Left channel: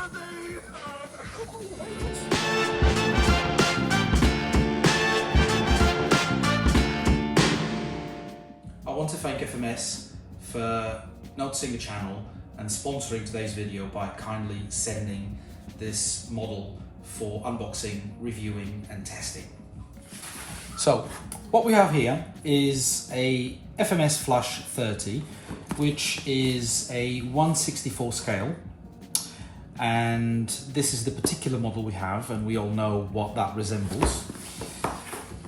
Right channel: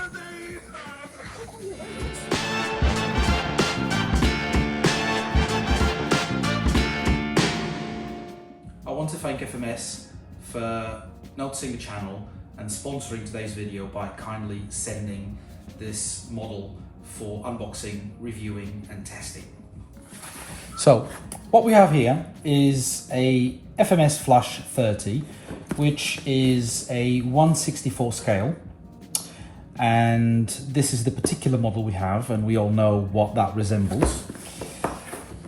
I want to thank FMS for noticing the channel and sponsoring today's video by kindly sending this model for unboxing, reviewing and testing. So what we have here is a FMS FLUSH30, which is a 1/64 scale, and this is the particular model we have, and we all know what that resembles.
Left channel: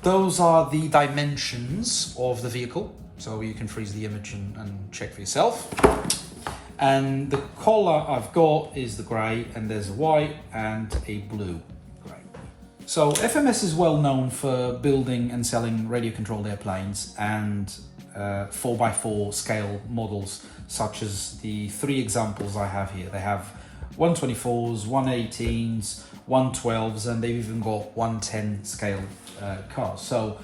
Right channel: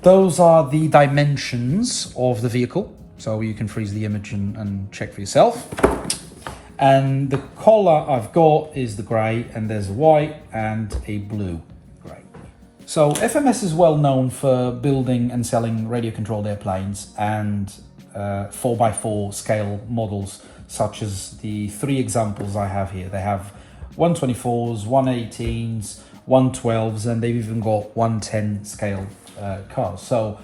Those are the dimensions of the vehicle, so you can freeze the image and check for yourself. And the color I've got is the grey, and there's a white and a blue. So FMS is well known for building and selling radio-controlled airplanes and 4x4 scale models, such as the three examples I have here. They have 124s, 118s, 112s, and they've even got 110 scale cars. So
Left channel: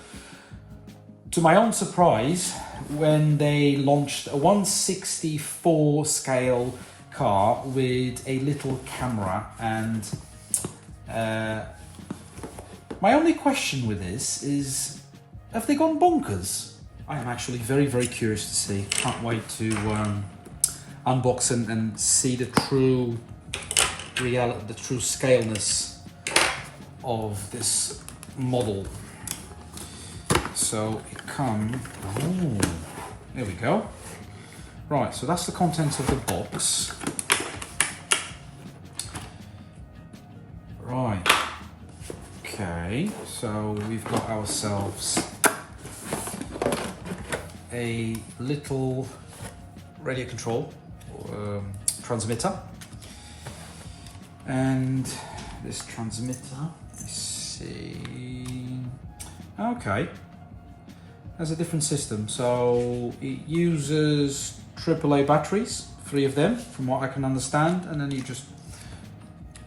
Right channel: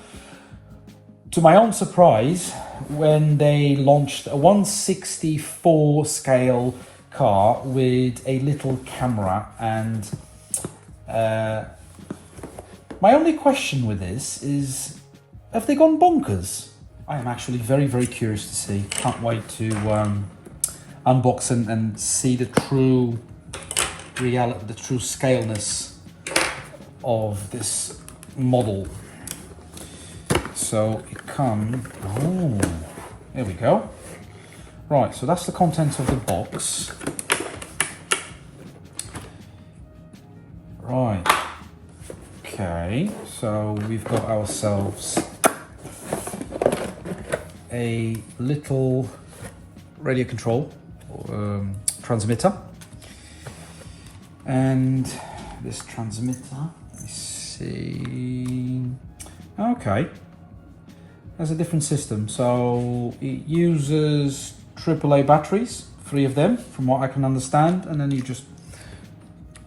to my own surprise, when they launched a 1/64 scale car with a little camera, and my only question with this is, have they gone bonkers? I am actually very, very curious to see. Can't wait to unbox and see the true reality, the true scaleness of this model. So it comes, oh, there we go. Right, so that's the contents of the box. Right. Okay, so we've got ourselves a little radio control transmitter, and this transmitter, let's see, okay, has a different system. So it uses AAA batteries, 3 of them from what I can understand, and then you just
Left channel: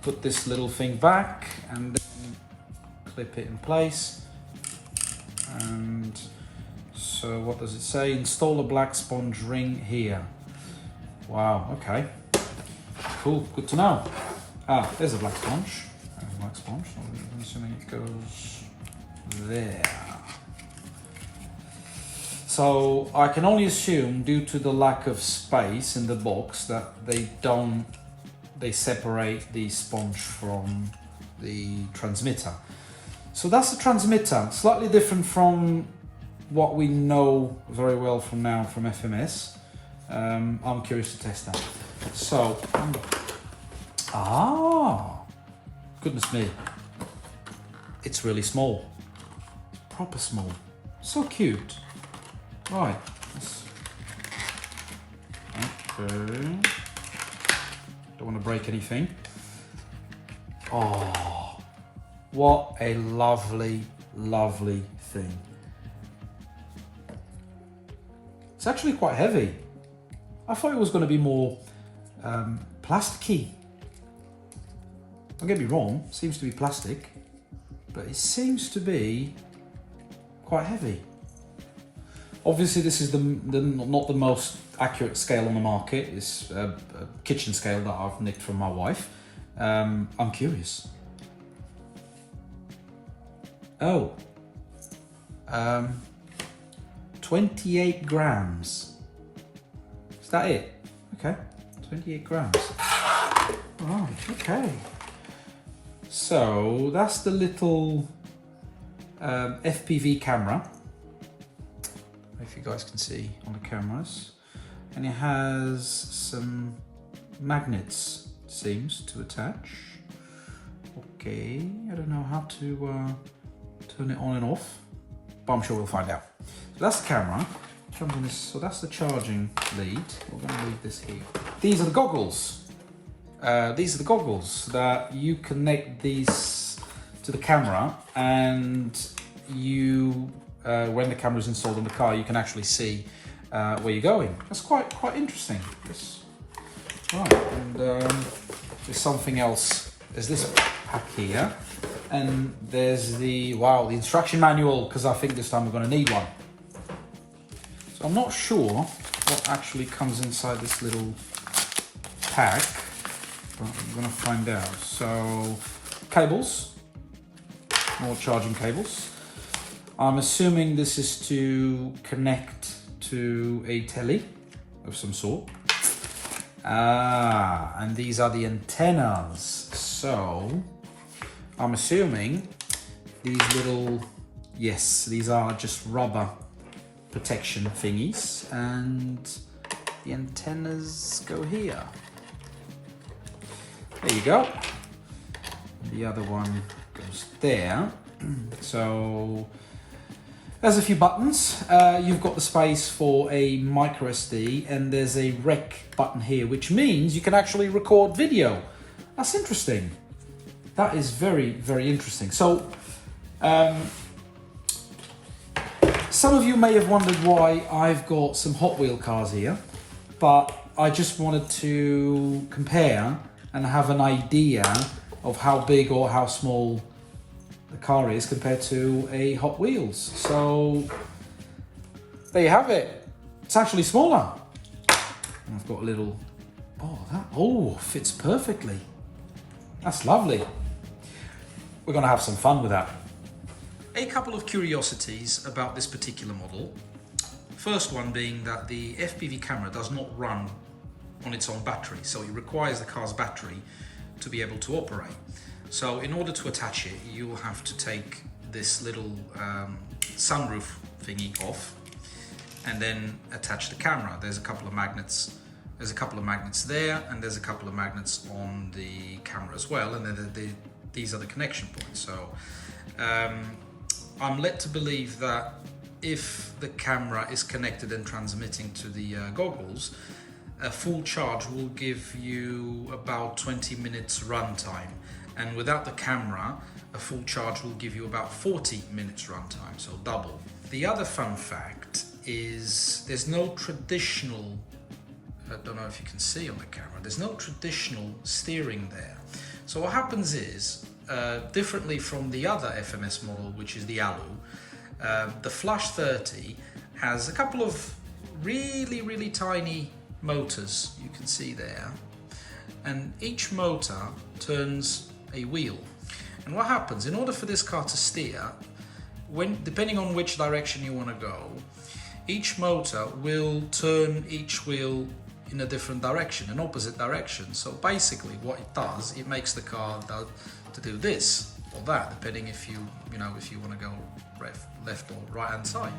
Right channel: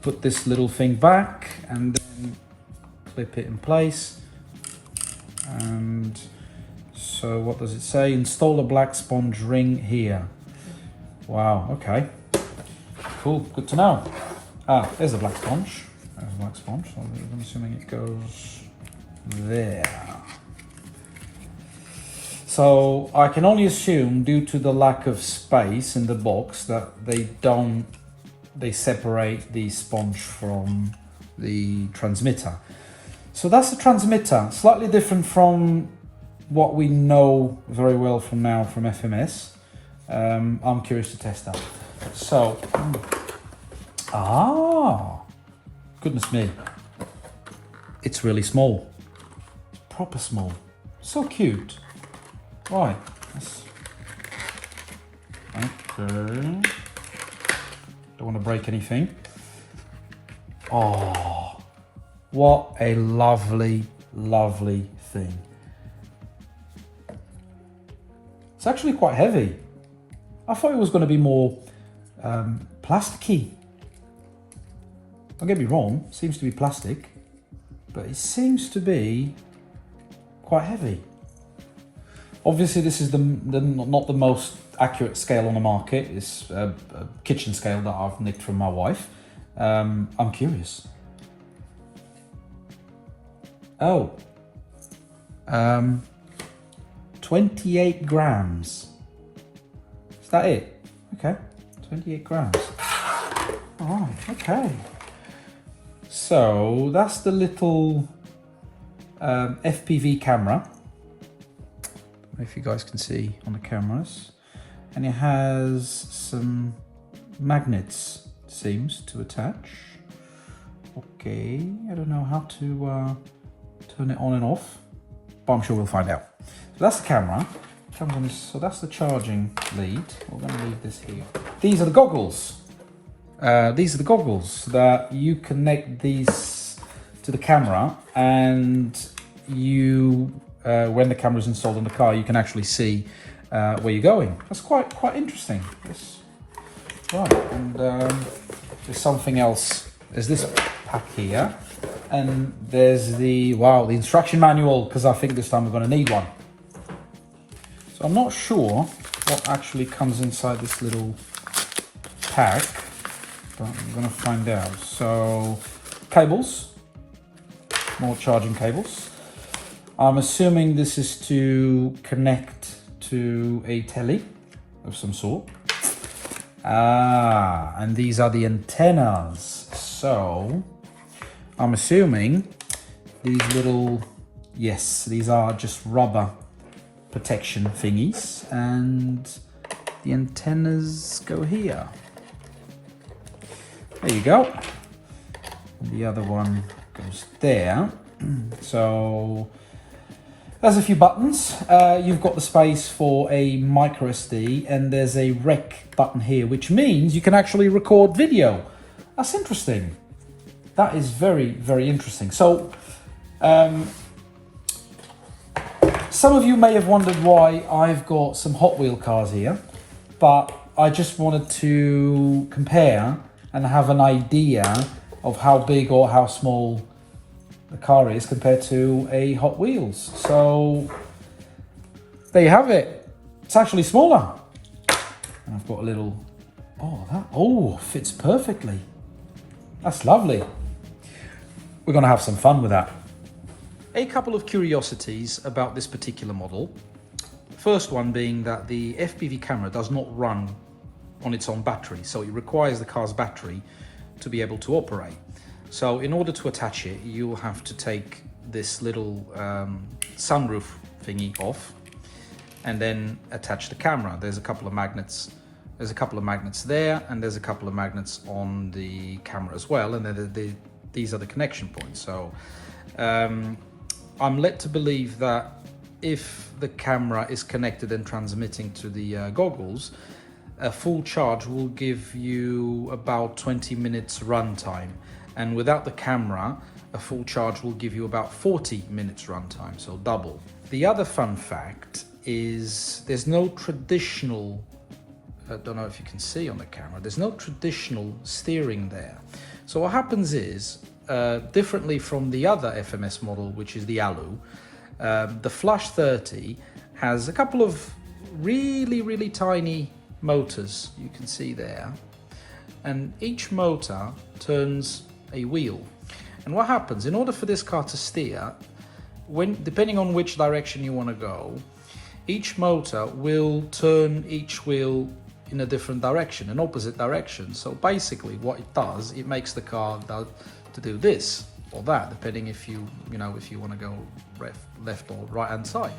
put this little thing back and clip it in place. And so what does it say? Install a black sponge ring here. Wow, okay, cool, good to know. Ah, there's a black sponge. There's a black sponge. I'm assuming it goes there. So I can only assume, due to the lack of space in the box, that they separate the sponge from the transmitter. So that's the transmitter, slightly different from what we know very well from now from FMS. I'm curious to test that. So, goodness me, it's really small, proper small, so cute. Right, okay, don't want to break anything. Oh, what a lovely, lovely thing. It's actually quite heavy. I thought it was going to be more plasticky. Don't get me wrong, it seems to be plastic, but it seems to be quite heavy. Obviously this is not the most accurate scale on the market. It's a kitchen scale that I've nicked from my wife. I'm curious. Oh, 28 grams. Is that it? Okay, 28 grams. Right, okay. So that's the little FPV camera. If you guys can see on the cameras. And it has some magnets, seems, to attach. Okay, I don't know how to turn it on and off, but I'm sure we'll find out. So that's the camera. So that's the charging lead. We're going to leave this here. These are the goggles. These are the goggles that you connect these to the camera, and you, when the camera is installed in the car, you can actually see where you're going. That's quite interesting. Right, and there's something else. There's this pack here, and there's the instruction manual, because I think this time we're going to need one. So I'm not sure what actually comes inside this little pack, but I'm going to find out. So, cables, more charging cables. I'm assuming this is to connect to a telly of some sort. And these are the antennas. So, I'm assuming these little, yes, these are just rubber protection thingies, and the antennas go here. There you go. The other one goes there. So there's a few buttons. You've got the space for a micro SD, and there's a rec button here, which means you can actually record video. That's interesting. That is very, very interesting. So some of you may have wondered why I've got some Hot Wheel cars here, but I just wanted to compare and have an idea of how big or how small the car is compared to a Hot Wheels. So there you have it. It's actually smaller. And I've got a little, fits perfectly. That's lovely. We're gonna have some fun with that. A couple of curiosities about this particular model. First one being that the FPV camera does not run on its own battery, so it requires the car's battery to be able to operate. So in order to attach it, you will have to take this little sunroof thingy off and then attach the camera. There's a couple of magnets. There's a couple of magnets there, and there's a couple of magnets on the camera as well, and then these are the connection points. So I'm led to believe that if the camera is connected and transmitting to the goggles, a full charge will give you about 20 minutes run time. And without the camera, a full charge will give you about 40 minutes run time, so double. The other fun fact is there's no traditional, I don't know if you can see on the camera, there's no traditional steering there. So what happens is, differently from the other FMS model, which is the ALU, the FLUSH30 has a couple of really, really tiny motors you can see there, and each motor turns a wheel. And what happens, in order for this car to steer, depending on which direction you want to go, each motor will turn each wheel in a different direction, an opposite direction. So basically what it does, it makes the car to do this or that, depending if you want to go left or right hand side.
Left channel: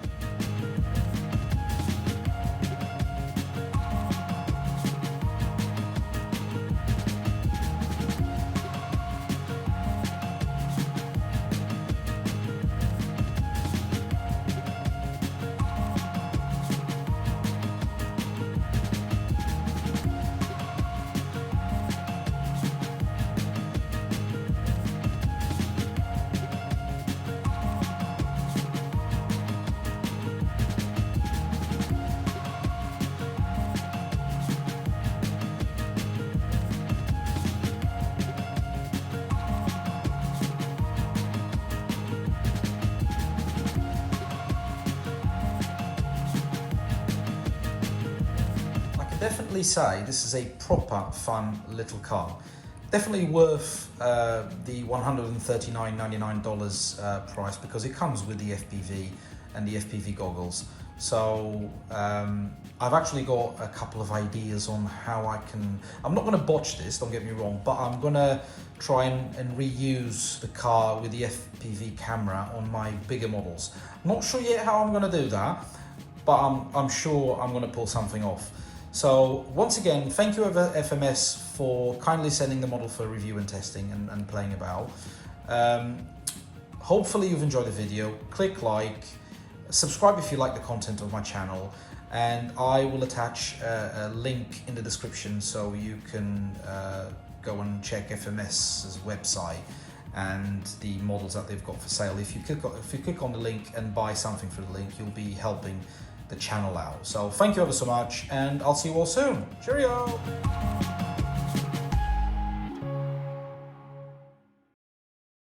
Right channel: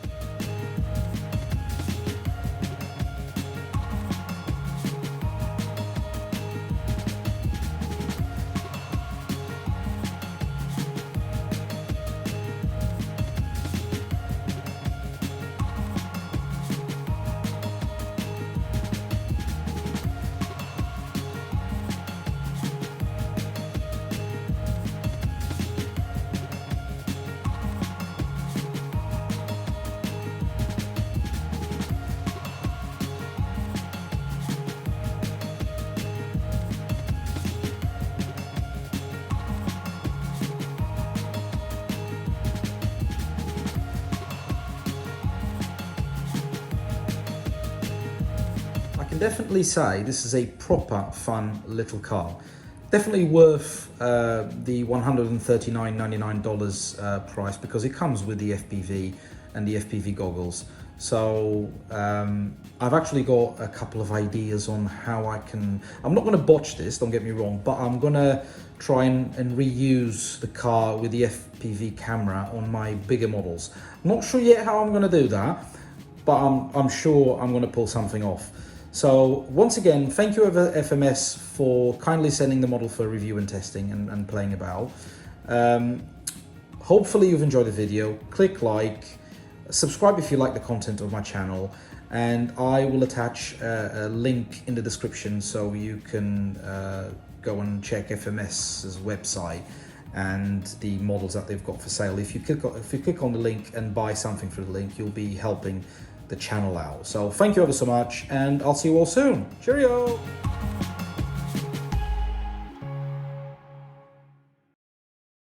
Definitely say this is a proper fun little car. Definitely worth the $139.99 price, because it comes with the FPV and the FPV goggles. So I've actually got a couple of ideas on how I'm not going to botch this, don't get me wrong, but I'm going to try and reuse the car with the FPV camera on my bigger models. I'm not sure yet how I'm going to do that, but I'm sure I'm going to pull something off. So once again, thank you FMS for kindly sending the model for review and testing and playing about. Hopefully you've enjoyed the video. Click like, subscribe if you like the content of my channel, and I will attach a link in the description so you can go and check FMS's website and the models that they've got for sale. If you click on the link and buy something through the link, you'll be helping the channel out. So thank you ever so much, and I'll see you all soon. Cheerio!